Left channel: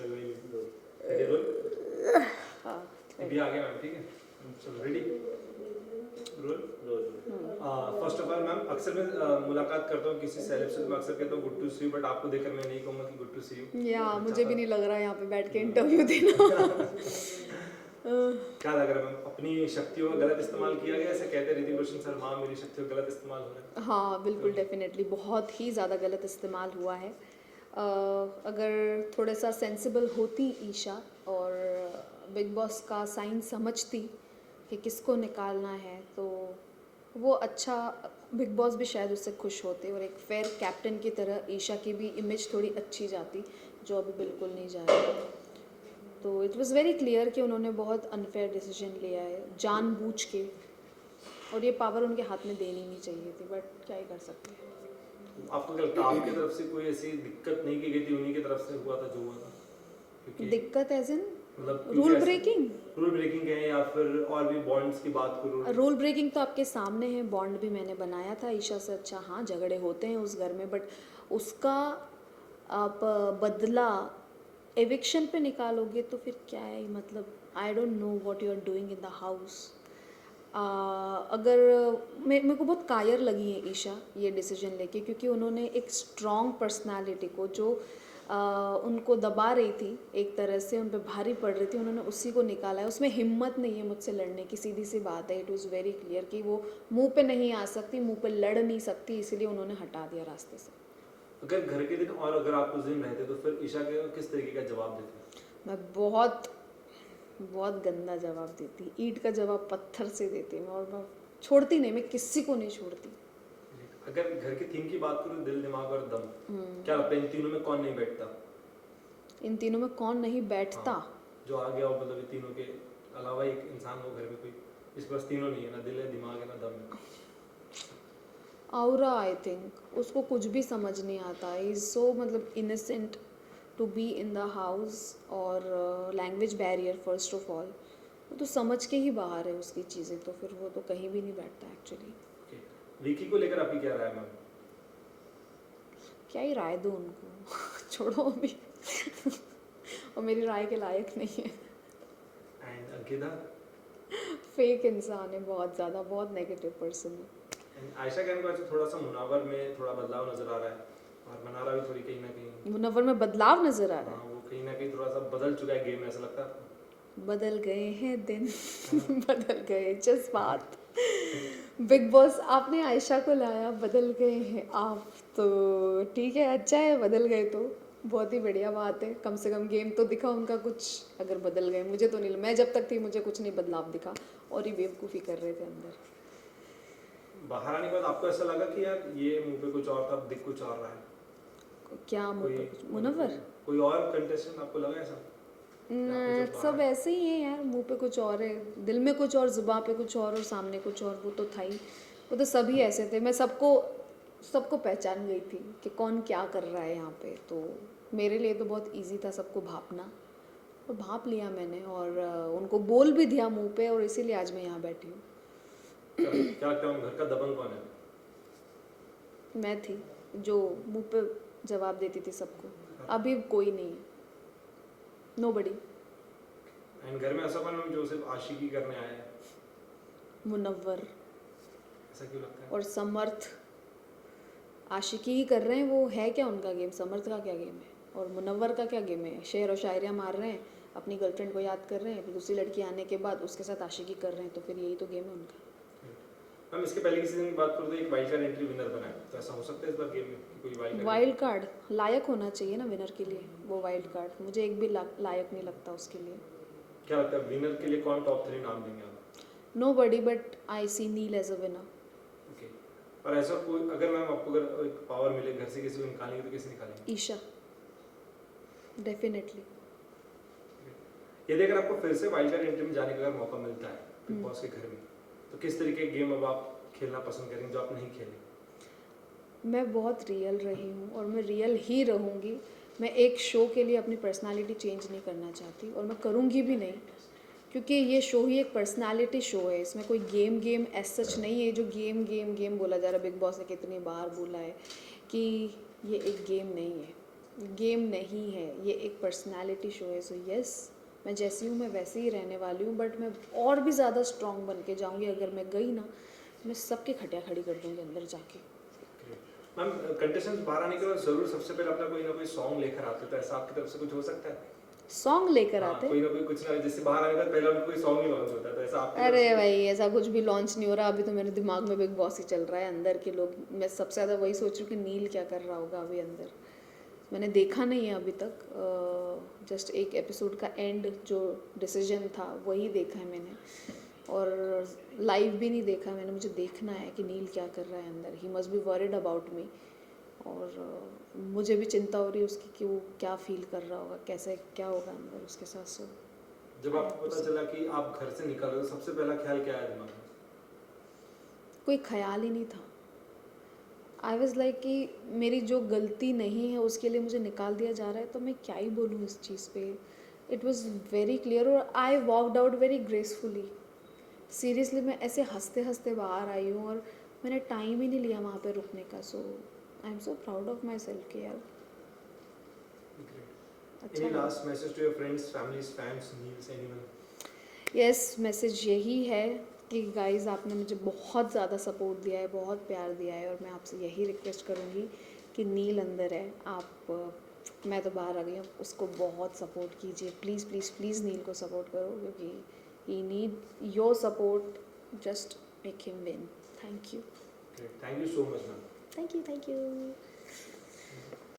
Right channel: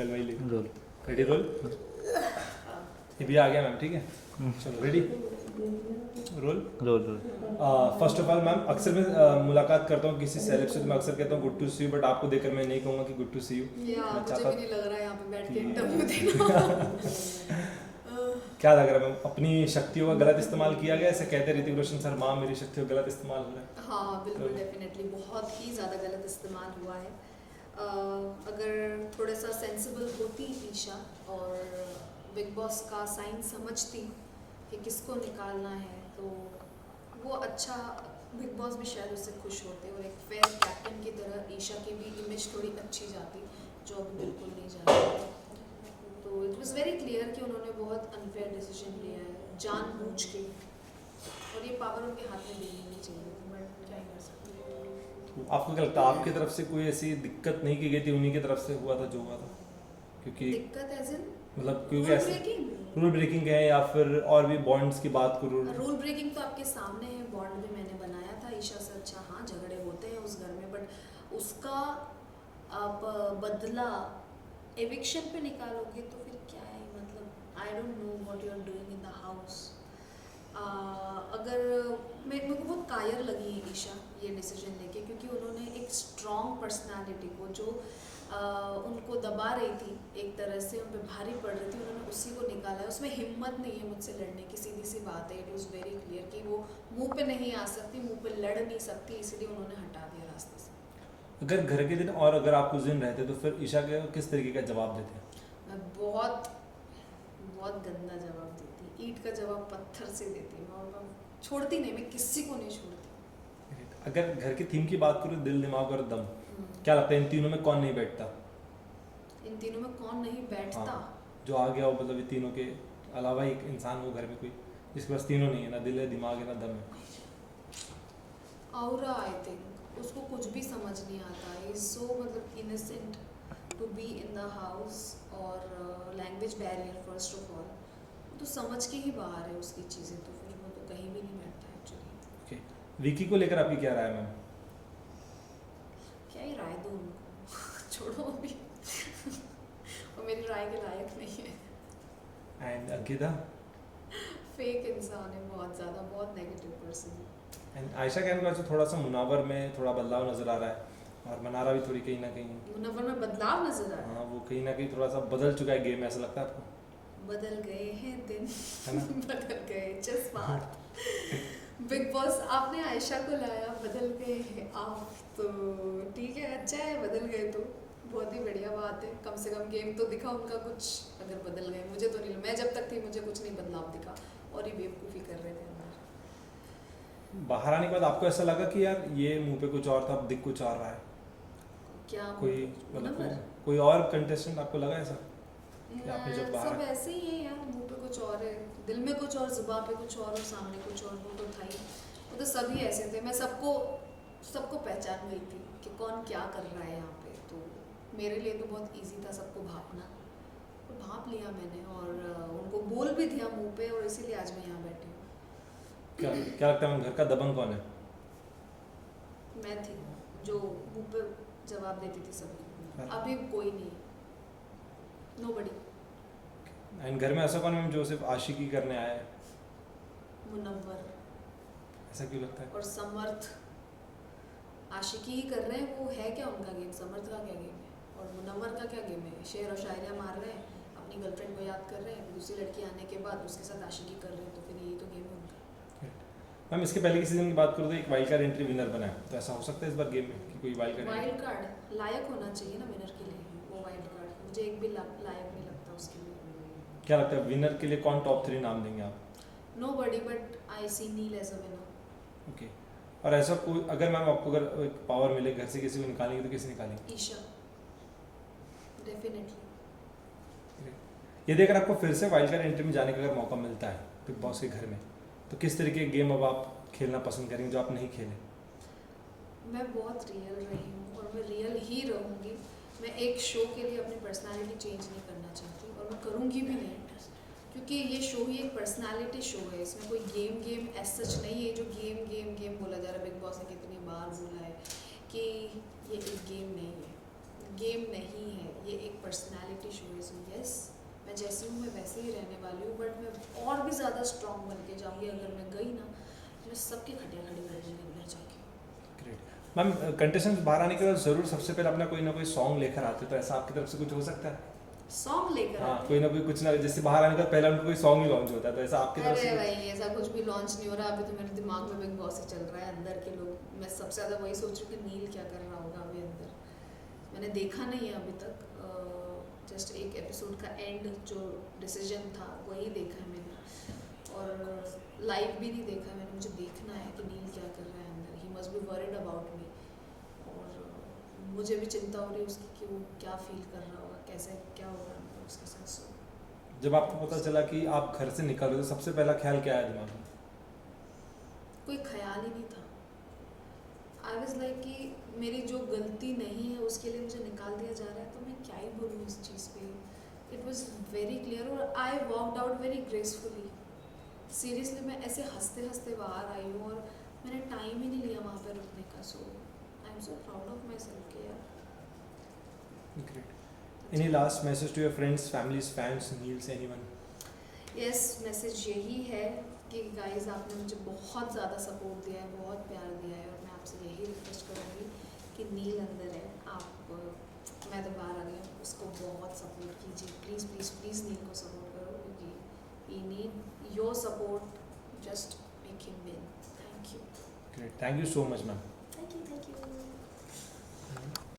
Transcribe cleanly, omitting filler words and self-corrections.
चल भाई ले रोल रेडी रोल ये भी आ गया मैम ठीक है चलो ready roll roll roll first of all ma'am अक्सर मैं मुलाकात करता हूँ किसी सेलेब से तो मैं अक्सर कहता हूँ good to see you but आपको देखकर मैं नहीं कहूँगा कि गुड टू सी यू या मुझे भी नहीं लग रहा है यहाँ पे बैठ के इंटरव्यू देना क्या लग रहा है मैम अपनी शक्तियों का गलत इस्तेमाल किया गया ऐसे कहते ऋतिक रोशन सर माँ मेरी शक्तियों का गलत इस्तेमाल हो रहा है हाँ बिल्कुल डेफिनेटली बहुत ही ज़्यादा गलत इस्तेमाल हुआ है अगर थोड़ा सा सेंसिबल होती ईशा और बिग बॉस का साइन समझती कि किसको निकालना है तो वो अच्छा बिग बॉस भी शायद उससे खुश होते और एक फेयर कैप्टन की तरह ईशा की भी इमेज थोड़ी अच्छी जाती जो अभी बिल्कुल नहीं जा रही है। तो इट वाज वेरी क्लियर कि उन्होंने बहुत अनफेयर डिसीजन लिया है जानबूझ के और ये पावर उनके हाथ में देनी नहीं चाहिए थी बट क्या ही कर सकते हैं। आपको क्या लगता है आपकी तरफ से कोई ऐसी दिक्कत नहीं की गई थी उन्हीं की तरफ से हुआ था जो हुआ था क्योंकि दिक्कत एज इन मतलब रूल ब्रेकिंग रूल ब्रेकिंग है या फिर और भी बॉन्ड्स की बात करो रूल ब्रेकिंग तो आपके सामने है बॉन्ड भी मैंने बनाया था ईशा से अच्छा हाँ झगड़े होते हैं उस घर में बट उसका आप बदला एविक्शन पे निकालोगे तो फिर क्या है मतलब I don't know what you are doing in the house. अगर मेरे को बहुत कायर लगी है ईशा ये डिसीजन लेके क्योंकि उन्होंने एक स्ट्रॉन्ग पर्सनालिटी को जो उनको दबा रही थी एक तरह से उन पर भारी पड़ रही थी उन्होंने उसी को निकाला है उसमें हिम्मत नहीं है मुझसे लड़ने की सीधी सी बात है इट वाज वेरी क्लियर कि वो मुंह पे नहीं आ सकती मुंह पे लड़ नहीं सकती इसीलिए उन्होंने हटा दिया रास्ते से। अगर घर के दिन और अगर आप कुछ दिन रहते तो फिर ईशा के किस तरीके का जवाब देते मैं बहुत बहुत गंदा जवाब देती ईंट का जवाब पत्थर से देती मैं और मैं छोड़ती नहीं मैं किसी को नहीं छोड़ती। अगर घर की थीम की बात करो दिल दिमाग और दम क्या लगता है इन तीनों में कौन नहीं बैठता इन तीनों में कौन नहीं बैठता जो आ गया हो मतलब ये तीनों के अलावा एक इंसान हो घर में कोई जिसके पास तीनों नहीं है ना दिल है दिमाग है ना दम है औरा आई थिंक उसको कुछ भी समझ नहीं आता इज सो मतलब innocent to be in the house और language barrier first of all वो तो समझ के ही बाहर है उसकी चीज़ें तो फिर वो तो कहीं भी नहीं बैठता एक्चुअली। विकी को लेकर आपकी क्या राय है मैम क्या ही राय दूँ उनको छोड़ो अभी और मेरी राय के लायक नहीं है एंड अंकिता फेक इंसान है बहुत ज़्यादा बहुत नेगेटिव पर्सन है। एंड आयशा कहने का थोड़ा सा मुनावर में थोड़ा बदलाव नजर आ रहा है और मनारा भी थोड़ी कहीं ना कहीं मुनव्वर में बदलाव नजर आ रहा हाँ वो कहीं ना कहीं थोड़ा सा बदल चुका है गेम ऐसा लगता है आपको है बदल गए हैं दिन है ना? बदल गए जज्बात बिग बॉस आपने आयशा को लाया बदल गए हैं आप तो ठीक है अच्छा है बदल गए तो बहुत ही बढ़िया बात है कम से कम गेम तो दिखा उनका कुछ अगर बदल गए मुझे तो नहीं मैं जब तक थी मुझे कुछ नहीं बदलाव दिखा और ही बेवकूफ़ी कर रहे थे अंदर। बाहर आने के बाद आपको ऐसा लगा कि यार ये मुंह पे कुछ और था अब दिख कुछ और रहा है क्या कोई मुनव्वर कोई और कंटेस्टेंट आपको लगा ऐसा कि आपने जब बाहर- सब ऐसे ही है यार मुंह पे कुछ और है दिल में कुछ और जुबान पे कुछ और सामने कुछ और वो तो था ही वो तो सभी ऐसे थे मैं सबको पहचान गई थी कि कौन क्या कर रहा है यहाँ पे तो मेरे लिए तो बहुत इजी था सबको भापना और भाप लिया मैंने और उनको बोल भी दिया मुंह पे और इसीलिए आज मैं यहाँ बैठी हूँ। क्या लगता है घर का दबंग कौन है मैं थी जो मुंह पे जवाब देती थी सबको अभी कोई नहीं नोबडी। एंड घर में ऐसा कौन है जो सिर्फ आशिकी करने आया है मुनव्वर ऐसा क्यों लगता है और समर्थ आशिकी ही कर रहे हैं वो है क्या उनका गेम समर्थ का क्या गेम है और मुनव्वर का क्या गेम है शेर और शायरियाँ मार रहे हैं अपनी गर्लफ्रेंड को याद कर रहे हैं फिर दूसरी लड़की आने के बाद उसके साथ आशिकी कर रहे हैं तो फिर यही तो गेम है उनका। मैम इसके पहले की सीजन की बात करूँ तो एक वाइल्ड कार्ड एंट्री विनर बना है तो ऐसा हो सकता है इस बार गेम में कि कोई वाइल्ड कार्ड लायक होना चाहिए ना विनर के लिए वो वाइल्ड कार्ड मुझे एक भी लायक नहीं लगता उसके लिए। क्या लगता है विनर के लिए कौन टॉप 3 नाम देंगे आप nobody but I see Neel as a winner. Okay और ऐसा कोई अगर मैम आपको अगर एक पावर मिले घर से किसी को निकालेंगे तो किसे निकालेंगे ईशा डेफिनेटली। यदि अगर आपको फिर से वाइल्ड कार्ड एंट्री में जाने का अगर मौका मिलता है बिग बॉस के घर में तो किस तरीके के गेम अब आप खेलना पसंद करेंगे जो आप नहीं खेले। मैं बहुत रियल रही हूँ और मैं रियल ही रहूँगी मैं एक शो के लिए अपनी पर्सनालिटी चेंज नहीं करना चाहती और मैं करूँगी भी नहीं क्योंकि ये शो ही एक पर्सनालिटी शो है इसमें कोई गेम एज सच नहीं है जो गेम बोला जा रहा है बिग बॉस ने कितनी बार बोला है कि ये एक गेम नहीं है गेम नहीं है, ये एक पर्सनालिटी शो है। सो यस, मैं जैसी हूँ मैं वैसे ही रहने वाली हूँ, बट मैं और भी ज़्यादा स्ट्रॉन्ग बन के जाऊँगी। अगर मैं गई ना, मैं सबके खटिया खड़ी कर दूँगी अंदर जाके। ग्रेट मैम, कंटेस्टेंट्स बाहर आने के बाद जरूर सबसे पहले अपना कोई ना कोई सॉन्ग लेकर आते, तो ऐसा आपकी तरफ से कुछ हो सकता है? सॉन्ग लेकर हाँ, आते? कोई ना कोई कुछ ना, जैसे बाहर आने के बाद पहले उनका कोई सॉन्ग ही लॉन्च होता है, तो ऐसा आपकी तरफ अरे से? भाई, ऐसा कुछ भी लॉन्च नहीं हो रहा अभी। तो मेरे दिमाग में बिग बॉस ही चल रहा है, अंदर के लोग। मैं सबसे ज़्यादा वही सोच रही हूँ कि नील क्या कर रहा होगा अभी अंदर। मैंने देखा नहीं है अभी तक, जस्ट एक एपिसोड का एंड जो डिसीजन था वही देखा है मैंने, और लाइव भी नहीं देखा मैंने। मुझे देखना है कि नील क्या कर रहा है अंदर। He must be worried about me, और मुझे भी चिंता हो रही है उसकी कि वो क्या फील कर रहा होगा, कैसे क्या होगा अंदर उसके साथ। सो जब आपको पता चला कि आप घर से निकल रहे हो, सबसे पहला ख्याल क्या आया दिमाग में? कोई ख्याल ही नहीं था। आई वॉज लाइक कि मेरी जो गलती नहीं है उसके लिए मुझे निकाल दिया जा रहा है, तो मैं क्या ही बोलूँ इस चीज़ पे। इट वॉज वेरी क्लियर, और I walked out very gracefully. Seriously मैं ऐसे हंसते हंसते बाहर आई हूँ, और मैंने टाइम ही नहीं लिया वहाँ पे रुकने का। So I am so proud of myself कि यार great. Any last message to your friends, families, fans, नील्स, एनीवन? यस, मैसेज यही है कि गाइस, आपने मुझे बहुत ज़्यादा सपोर्ट दिया है, बहुत प्यार दिया है, और मैं आपसे यही रिक्वेस्ट करूँगी कि नील अंदर है, आप मैं तो बाहर आ गई हूँ, उसको बहुत सपोर्ट कीजिए। प्लीज़ प्लीज़ प्लीज़ नील को सपोर्ट करो, क्योंकि he need your support. Just make him win. Thank you. Great, thank you so much ma'am. Thank you.